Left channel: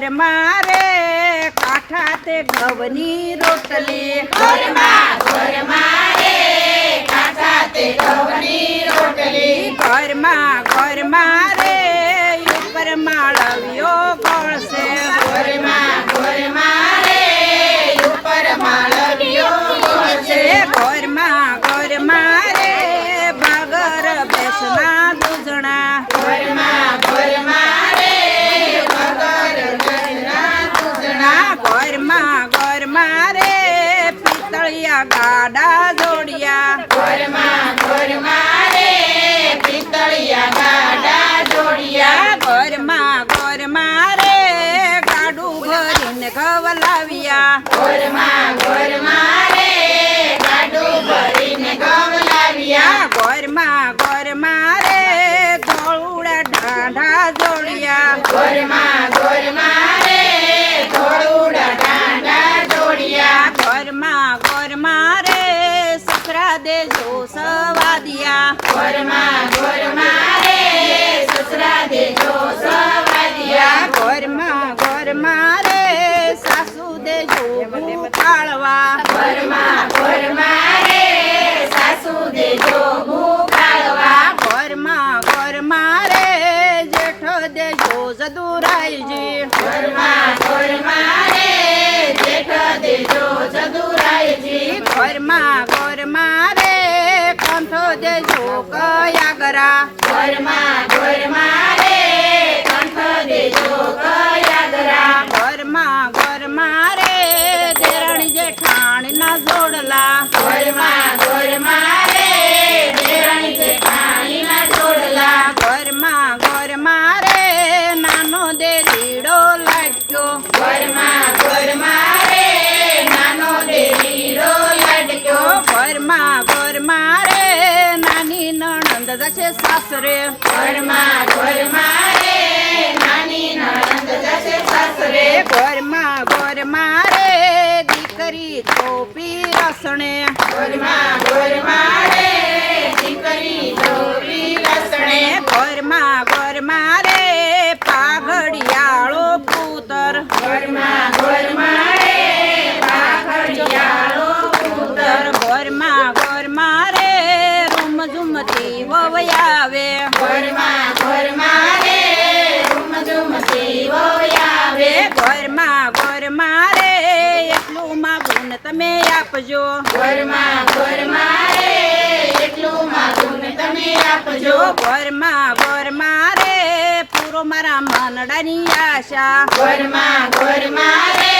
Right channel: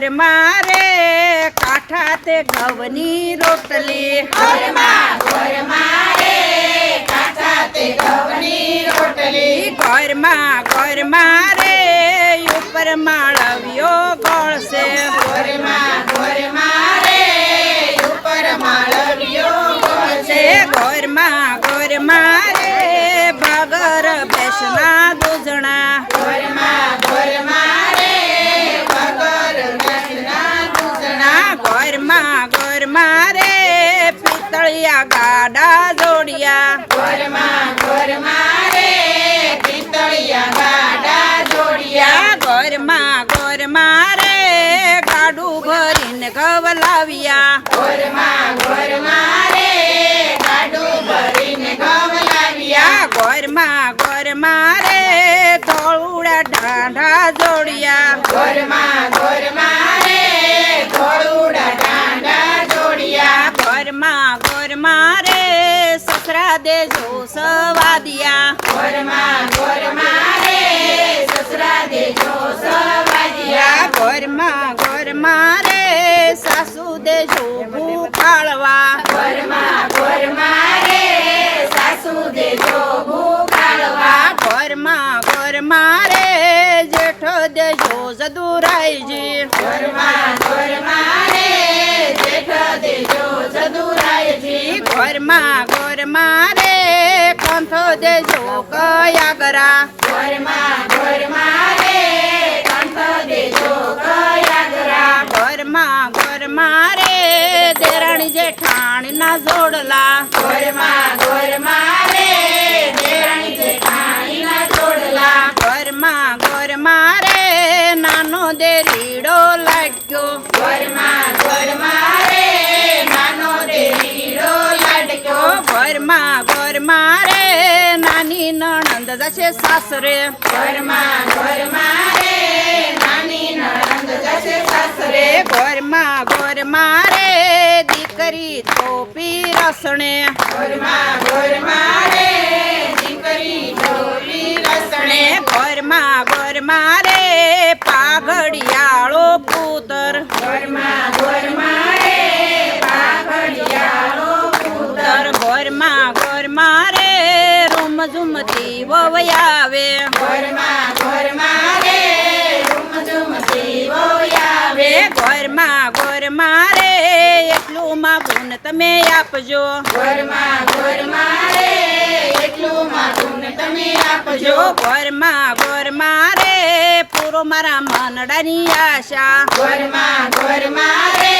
ઘરમાં રે કાઠા તે ઘઉંની રોટલી ઘરમાં રે કાચા તે ઘઉંની રોટલી ઘરમાં રે ઉપર માળવ્યો ગળશે ઘરમાં રે ઉપર માળવ્યો ગળશે ઘરમાં રે ભાગર બેસના દૂધણા ઘરમાં રે વગર ઘરના દૂધણા ઘરમાં રે પિત્તળિયા ગાડા જોડિયા ઘરમાં રે પિત્તળિયા ગાડા જોડિયા ઘરમાં રે ગાડું ભરીને ગવલાવ્યા ઘરમાં રે ગાડું ભરીને ઘઉં લાવ્યા ઘરમાં રે ધોળુડા ઢાંઢા જોડિયા ઘરમાં રે ધોળુડા ડાંડા જોડિયા ઘરમાં રે સસરા દેજો સવાદિયા ઘરમાં રે સસરા દેજો સવાદિયા ઘરમાં રે સાસુ દેજો ભૂખાળવા ઘરમાં રે સાસુ દેજો ભૂખાળવા ઘરમાં રે જેઠો દેજો જદુરાઈજી ઘરમાં રે જેઠ દેજો જદુરાયજી ઘરમાં રે કંઠો દેજો કયાગરા ઘરમાં રે કંઠ દેજો કયાગરા ઘરમાં રે દેરાણી જેઠાણી ના જોડલા ઘરમાં રે દેરાણી જેઠાણી ના જોડલા ઘરમાં રે નાનો દેરીડો લાગ્યો ઘરમાં રે નાનો દેરીડો લાડક્યો ઘરમાં રે નાની નણંદ જશે સાસરે ઘરમાં રે નાની નણંદ જશે સાસરે ઘરમાં રે દીકરી તોપી રસણે ઘરમાં રે દીકરી જોડી લસણે ઘરમાં રે પાઘડિયાળો પુત્ર ઘરમાં રે પાઘડિયાળો પુત્ર ઘરમાં રે રૂમ ઝુમતી વવયાવે ઘરમાં રે રૂમઝુમતી વોયાવે ઘરમાં રે એટલું માગું તમે આપજો ઘરમાં રે એટલું માગું તમે આપજો ઘરમાં રે પૂરો મારા મનડાની આશા ઘરમાં રે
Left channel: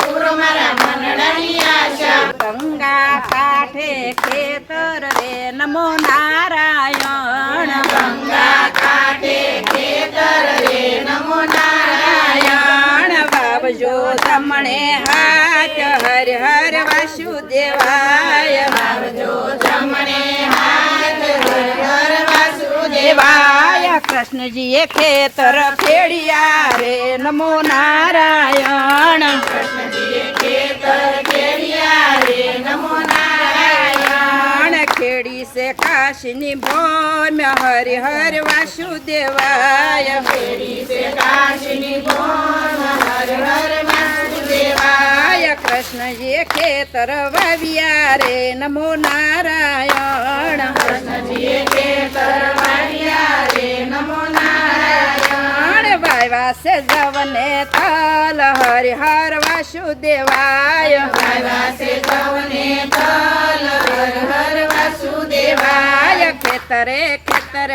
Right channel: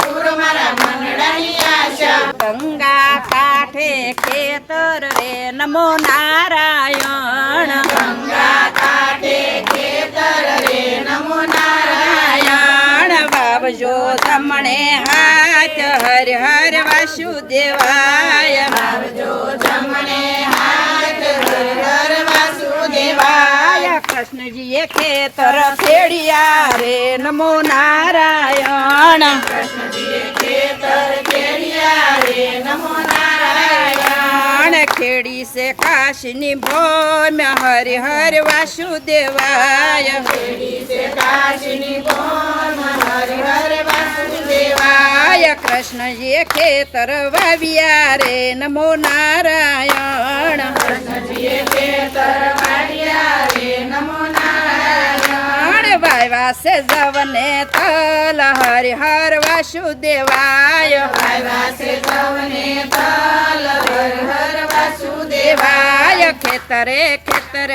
પૂરો મારા મનડાની આશા ગંગા કાંઠે ખેતર રે નમો નારાયણ ગંગા કાંઠે ખેતર રે નમો નારાયણ બાબજો તમને હાથ હર હર વાસુદેવાય આવજો જમણે હાથ હર વાસુદેવાય કૃષ્ણજીએ ખેતર ખેડિયા રે નમો નારાયણ કૃષ્ણજીએ ખેતર ખેડિયા રે નમો નારાયણ ખેડી છે કાશીની ભોમ્ય હરિ હર વાસુદેવાય ખેડી છે કાશીની ભોમ હર હર વાસુદેવાય કૃષ્ણજીએ ખેતર વાવ્યા રે નમો નારાયણ કૃષ્ણજીએ ખેતર વાવ્યા રે નમો નારાયણ વાવ્યા છે જવને તલ હરિ હર વાસુદેવાય આવ્યા છે સૌને તલ હર હર વાસુદેવાય ખેતરે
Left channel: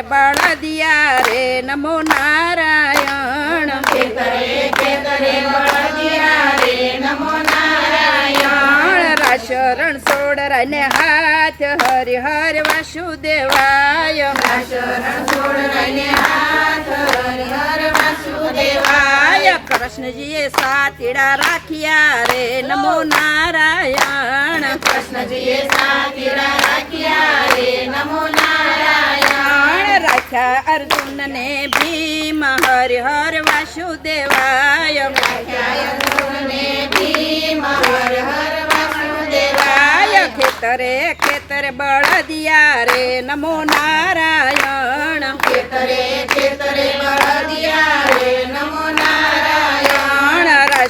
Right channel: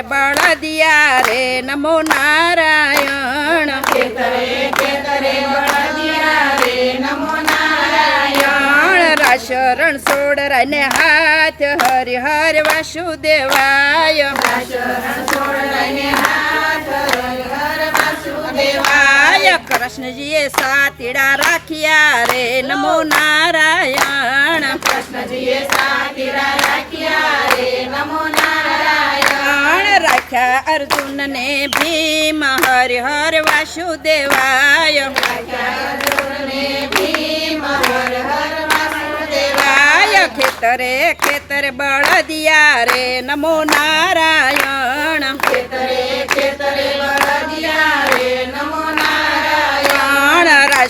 બળદિયા રે નમો નારાયણ ખેતરે બળદિયા રે નમો નારાયણ શરણ સોડરને હાથ હરિ હર વાસુદેવાય શરણ છોડને હાથ હર હર વાસુદેવાય કૃષ્ણજીએ સાતીડા રાખ્યા રે નમો નારાયણ કૃષ્ણજીએ સાતીડા રાખ્યા રે નમો નારાયણ રાખ્યા અર્જુનને ભીમ હરિ હર વાસુદેવાય અર્જુનને ભીમ હર હર વાસુદેવાય ખેતરે બળદિયા રે નમો નારાયણ ખેતરે બળદિયા રે નમો નારાયણ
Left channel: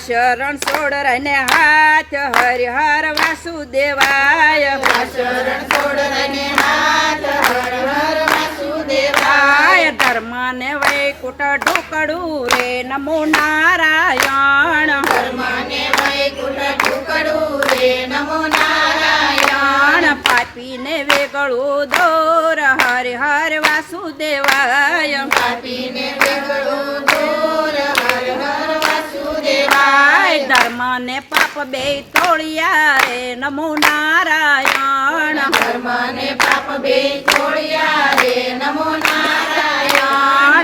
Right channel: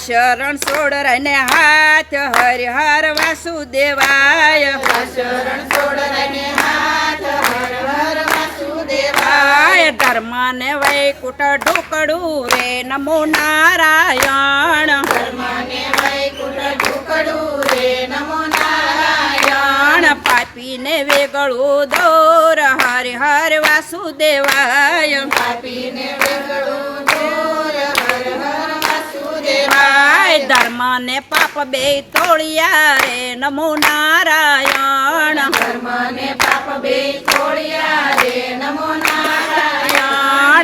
શરણ સોડરાને હાથ હરિહર વાસુદેવાય શરણ છોડરાને હાથ હર હર વાસુદેવાય ધર્મ ને વૈકુટ ઢોકડું રે નમો નારાયણ ધર્મને વૈકુંઠ ઢોકળું રે નમો નારાયણ પાપીને વેગળું દોર હરિહર વાસુદેવાય પાપીને વેગળું દૂર હર હર વાસુદેવાય ધર્મ ને પાપ બે તોળિયા રે નમો નારાયણ ધર્મને પાપ બે છોડ્યા રે નમો નારાયણ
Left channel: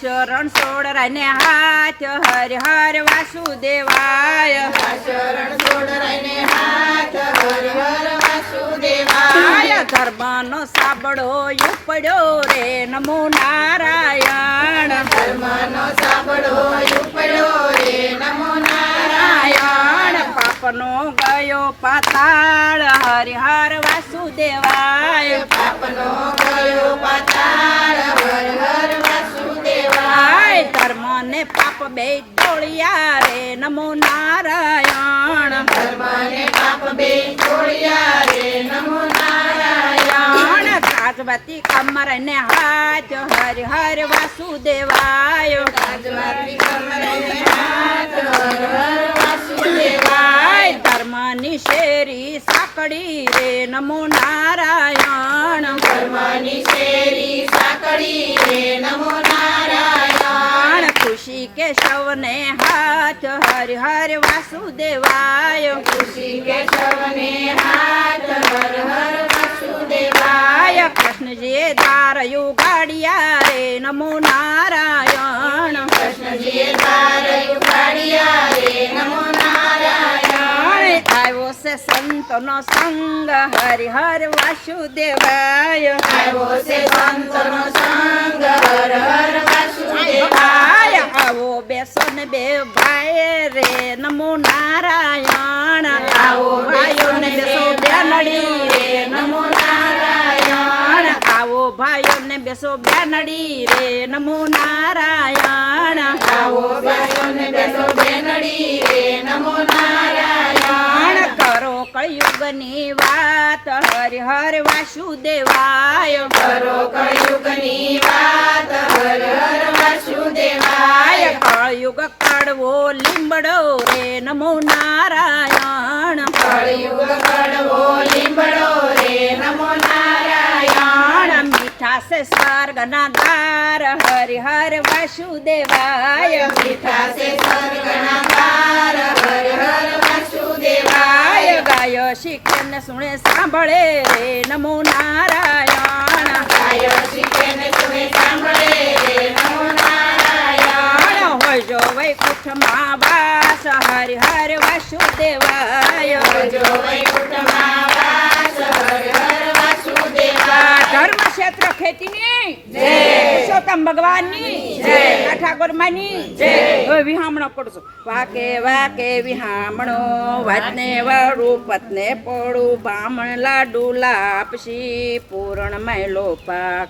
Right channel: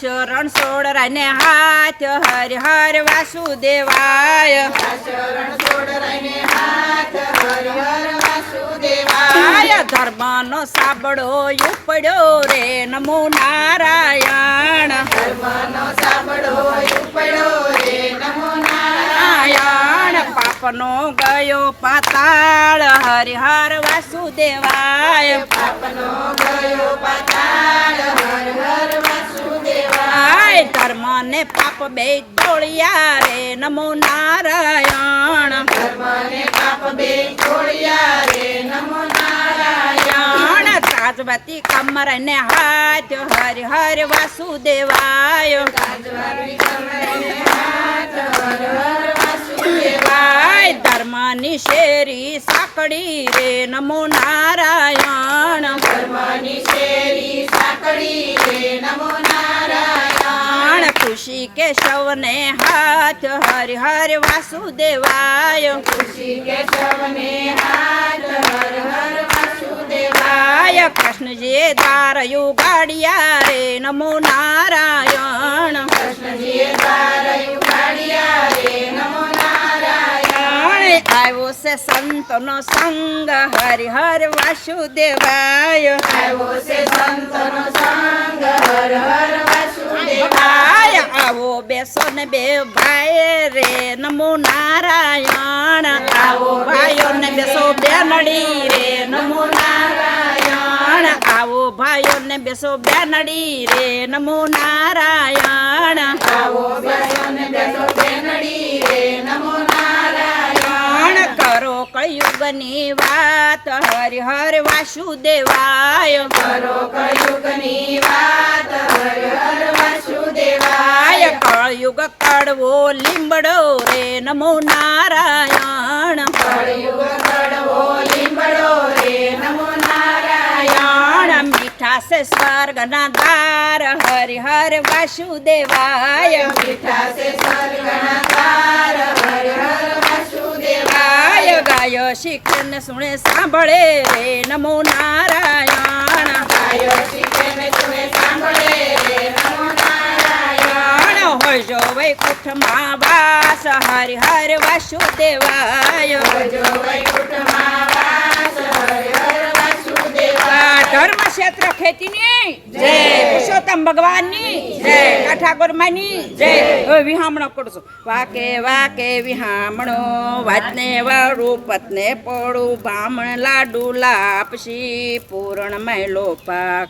શરણ સોડરાને હાથ હરિહર વાસુદેવાય શરણ છોડરાને હાથ હર હર વાસુદેવાય ધર્મનો સાબડો ઉપડ્યો રે નમો નારાયણ ધર્મનો સાંભળો ઉપડ્યો રે નમો નારાયણ પાપનો ગયો પાતાળ હરિહર વાસુદેવાય પાપનો ગયો પાતાળ હર હર વાસુદેવાય ધર્મ ને પાપ બે દોળિયા રે નમો નારાયણ ધર્મને પાપ બે છોડ્યા રે નમો નારાયણ તાજવતી કમર ને હાથ હરિહર વાસુદેવાય રાજવાતી કમરને હાથ હર હર વાસુદેવાય ધર્મની શેરી સાંકળી રે નમો નારાયણ ધર્મની શેરી સાંકળી રે નમો નારાયણ ખુશી કેશવને હાથ હરિહર વાસુદેવાય ખુશી કેશવને હાથ હર હર વાસુદેવાય કૃષ્ણજીએ દારયું ગાડિયા રે નમો નારાયણ કૃષ્ણજીએ દ્વાર ઉઘાડ્યા રે નમો નારાયણ આવ્યો છે સંતનો સંગ હરિહર વાસુદેવાય આવ્યો છે સંતનો સંગ હર હર વાસુદેવાય આવો બેસો ને બે ભાઈ રે નમો નારાયણ આવો ભાઈઓ ને બેસો બેનડી રે નમો નારાયણ આવો ભાઈઓ ને બેસો બેનડી રે નમો નારાયણ આવો બેસોને બેસો બેનડી રે નમો નારાયણ કરો કળયુગની વાત હરિહર વાસુદેવાય કરો કળયુગની વાત હર હર વાસુદેવાય કળયુગ કડવો લીંબડો રે નમો નારાયણ કળયુગ કડવો લીંબડો રે નમો નારાયણ મીઠા છે સ્વર્ગના દ્વાર હરિહર વાસુદેવાય મીઠા છે સ્વર્ગના દ્વાર હર હર વાસુદેવાય ગાયો શીખે ને સુણે સાંભળે રે નમો નારાયણ ગાયો શીખે ને સુને સાંભળે રે નમો નારાયણ હોય જો વૈકુંઠમાં વાસ હરિહર વાસુદેવાય જો વૈકુંઠમાં વાસ હર હર વાસુદેવાય ધર્મ ક્ષેત્ર ખેતીની જય. પુરુષોત્તમ ભગવાનની જય. ઠાકોરમાની જય. હવે વિહામણો પડશો વાકે વાકે વિહામણો વાતને વાળું પતને પડું બામણ લાડુ લાપસી પૂરણ મેલો પાક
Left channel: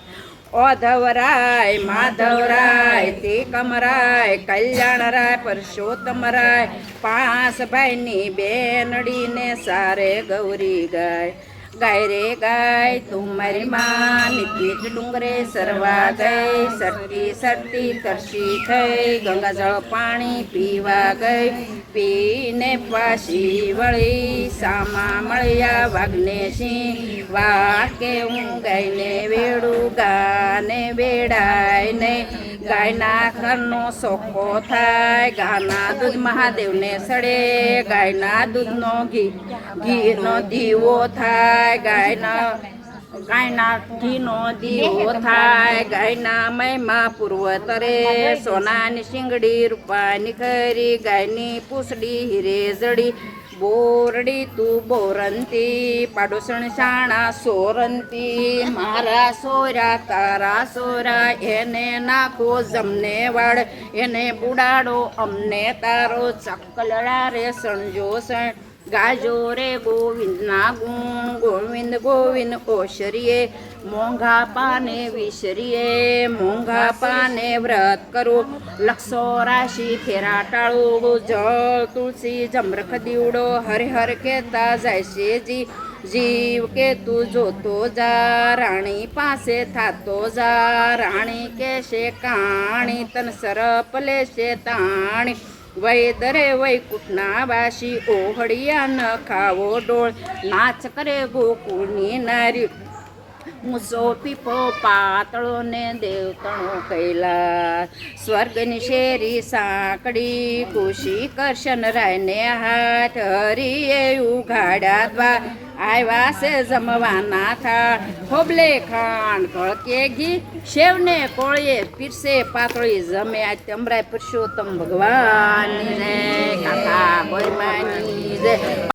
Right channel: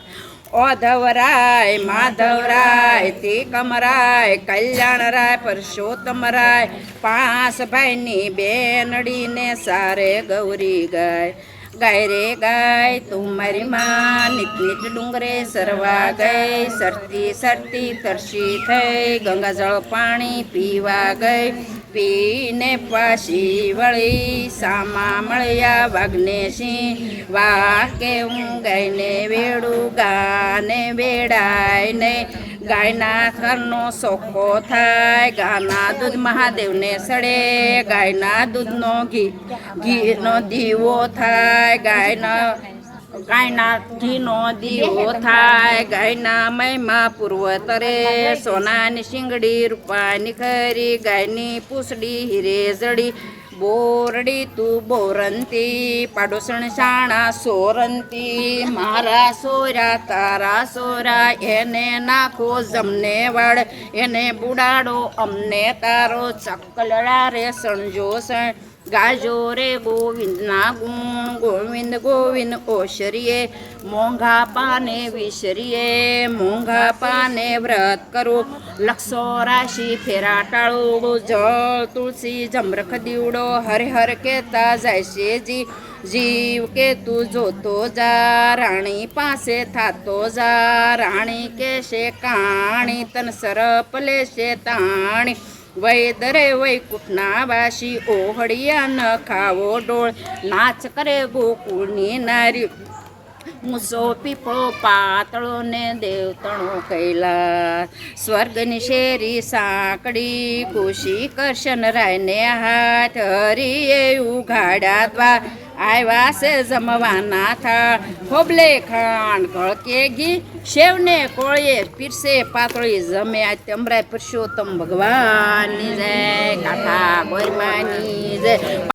ઓધવરાય માધવરાય તે કમરાય કલ્યાણરાય પરસોત્તમરાય પાંચ ભાઈની બેનડીને સારે ગૌરી ગાય ગાય રે ગાય તું મારી માં નિત નિત ડુંગરે સરવા ગઈ સરતી સરતી તરસી થઈ ગંગા જળ પાણી પીવા ગઈ પીને પાછી વળી સામા મળ્યા વાઘને સિંહ વાકે હું ગાયને વેડું ગાને વેડાય ને ગાયના ઘરનો સોખો થાય ગાના દૂધ મહાદેવને સડે ગાયના દૂધનો ઘીનો દીવો થાય ગાયના ઘીનો દીવો થાય ગાયના મહિમા પૂર્વતરે સોનાની શિંગડી રૂપાની ખરી ગાયની પૂછડી હીરે જડી બોરડી તું બોરંતી પાડોસણ શાણા સોરંતી મારા સોરા તારા સોરા એને નાખો જમને વાળ એને બુડાડો અમને તારો ચકલડા રે સણજો સણ ગાજો રે ગોવિંદના ગુણ ગોવિંદ ગોવિંદ ઓશરીએ મોંઘા પાને વિસરીએ મોંઘા પાને વ્રત કરો લક્ષો રાશિ ફેરા ટાળો જળ તુલસી જમરખ દીવડો હરે હર કહેતા જાય છે જીવ કે તું જોતો જા રાણી પાસે થાતો જા રાણી કેશે કાણી તન સરપ લેશે તાણી વૈદરે વૈકુંઠના વાસી ઓહળિયા ન ખાવો ડોળ નાચ કરે ગોકુળની નારી મૂસો પીપો પાતળો ને દેવતણો કૈલાસ સ્વર્ગની શેરી સાંકડી ખુશી કરશન રાયને હાથ હરીએ ઉઘાડા દ્વાર આવ્યા છે જમવાના થા ખોબલે ખાંડ કળકે ઘી શેવને કોળીએ પીરસે પાતળી જમે આ તમરાય પુરુષોત્તમ ભગવાનની જય કાકા ગોરમાની જય